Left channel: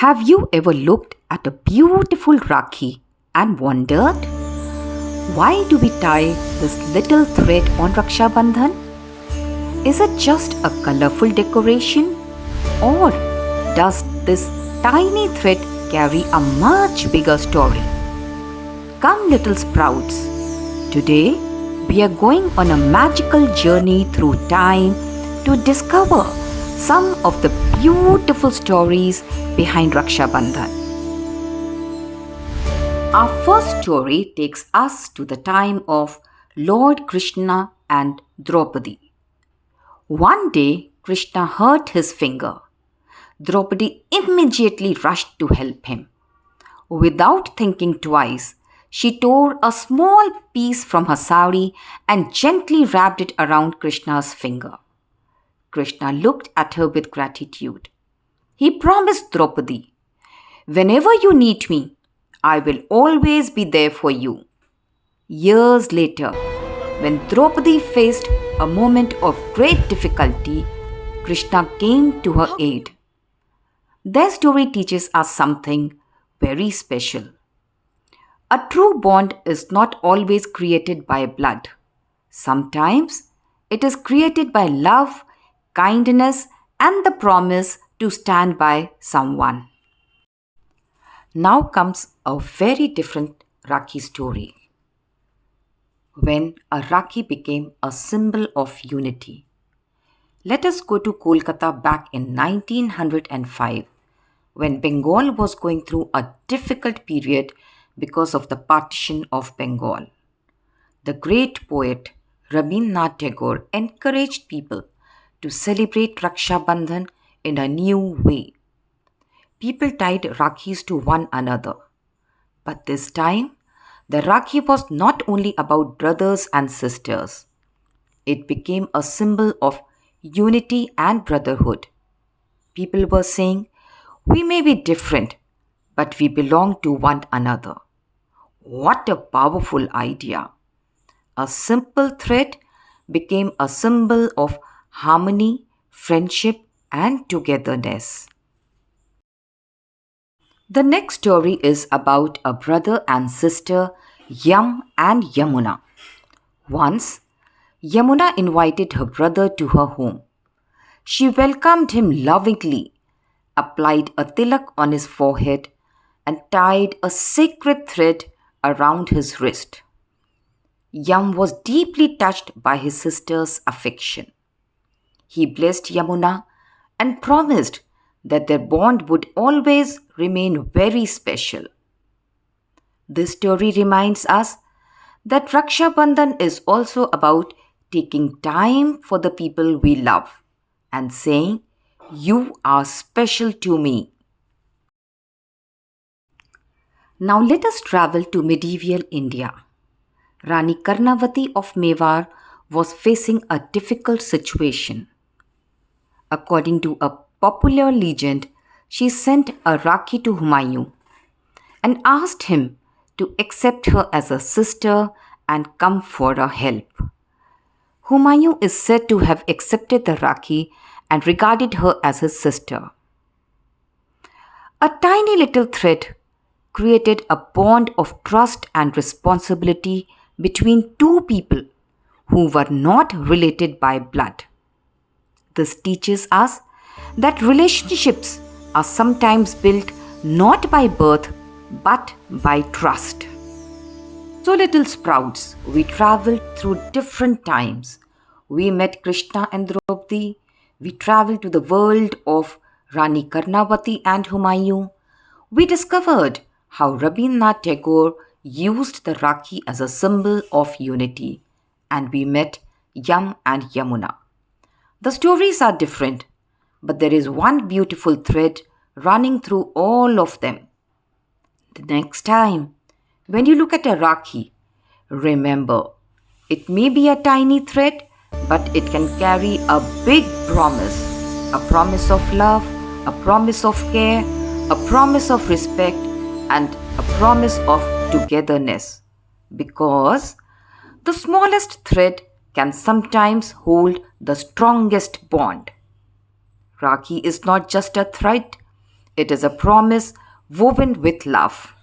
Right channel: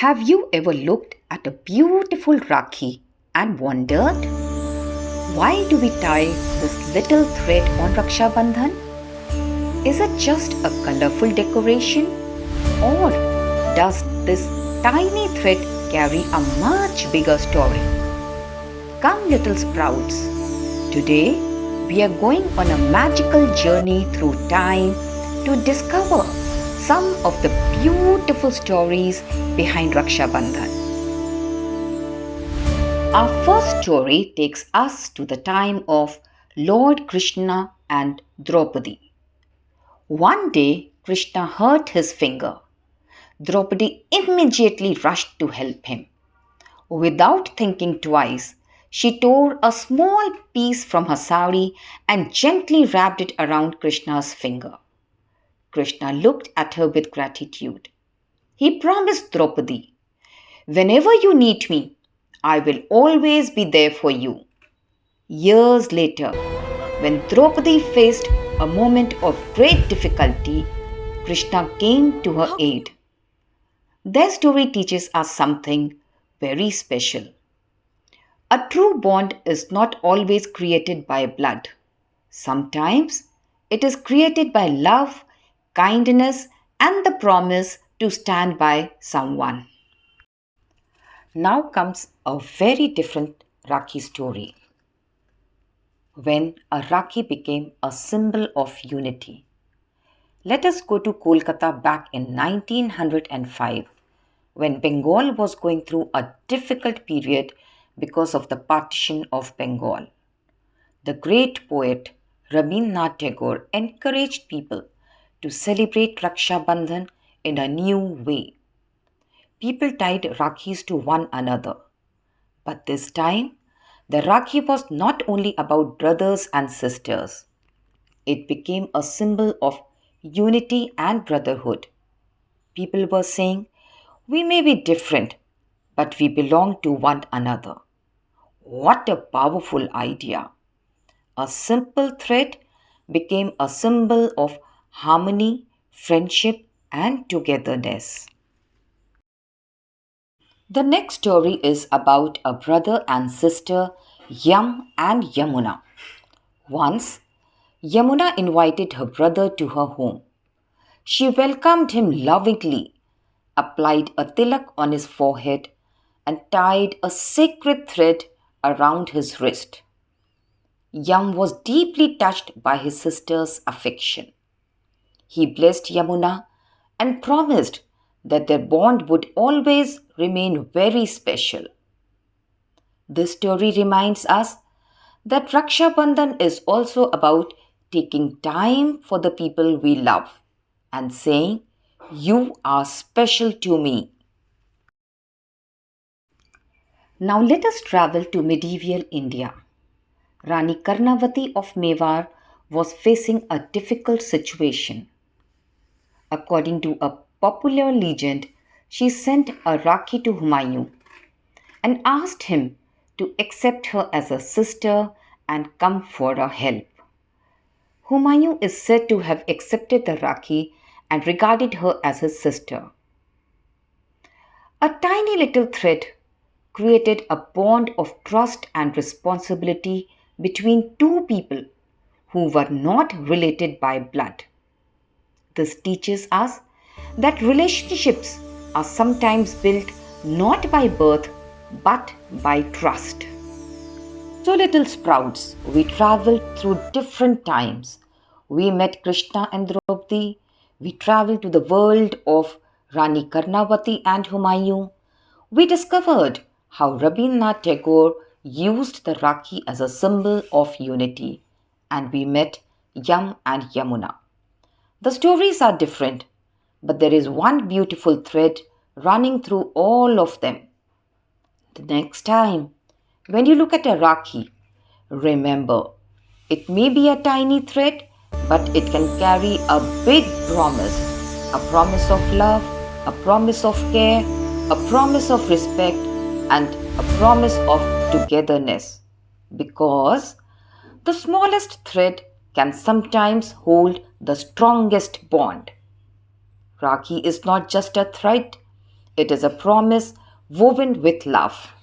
Have you ever looked at a beautiful Rakhi and wondered, why do we tie this little thread on Raksha Bandhan? Is it just a colorful decoration, or does this tiny thread carry a much bigger story? Come, little sprouts. Today we are going on a magical journey through time to discover some of the beautiful stories behind Raksha Bandhan. Our first story takes us to the time of Lord Krishna and Draupadi. One day, Krishna hurt his finger. Draupadi immediately rushed to help him. Without thinking twice, she tore a small piece from her sari and gently wrapped it around Krishna's finger. Krishna looked at her with gratitude. He promised Draupadi, "Whenever you need me, I will always be there for you." Years later, when Draupadi faced a moment of great difficulty, Krishna came to her aid. Their story teaches us something very special. A true bond is not always created by blood. Sometimes it is created by love, kindness, and the promise to stand by someone. Now comes a very different Rakhi story. When a Rakhi became a symbol of unity. Let us go to Kolkata back in 1905, when Bengal was going through a difficult period because of the partition of Bengal. The great poet Rabindranath Tagore encouraged people to celebrate Raksha Bandhan in a new way. People tied Rakhis to one another. But this time, the Rakhi was not only about brothers and sisters. It became a symbol of unity and brotherhood. People were saying, "We may be different, but we belong to one another." What a powerful idea! A simple thread became a symbol of harmony, friendship, and togetherness. The next story is about a brother and sister, Yama and Yamuna. Once, Yamuna invited her brother to her home. She welcomed him lovingly, applied a tilak on his forehead, and tied a sacred thread around his wrist. Yam was deeply touched by his sister's affection. He blessed Yamuna and promised that their bond would always remain very special. This story reminds us that Raksha Bandhan is also about taking time for the people we love and saying, "You are special to me." Now let us travel to medieval India. Rani Karnavati of Mewar was facing a difficult situation. According to a popular legend, she sent a Rakhi to Humayun and asked him to accept her as a sister and come for her help. Humayun is said to have accepted the Rakhi and regarded her as his sister. A tiny little thread created a bond of trust and responsibility between two people who were not related by blood. This teaches us that relationships are sometimes built not by birth but by trust. So, little sprouts, we traveled through different times. We met Krishna and Draupadi. We traveled to the world of Rani Karnavati and Humayun. We discovered how Rabindranath Tagore used the Rakhi as a symbol of unity. And we met Yama and Yamuna. The stories are different, but there is one beautiful thread running through all of them. The next time, when you look at a Rakhi, remember, it may be a tiny thread, but it can carry a big promise. A promise of love, a promise of care, a promise of respect, and a promise of togetherness. Because the smallest thread can sometimes hold the strongest bond. Rakhi is not just a thread, It is a promise woven with love.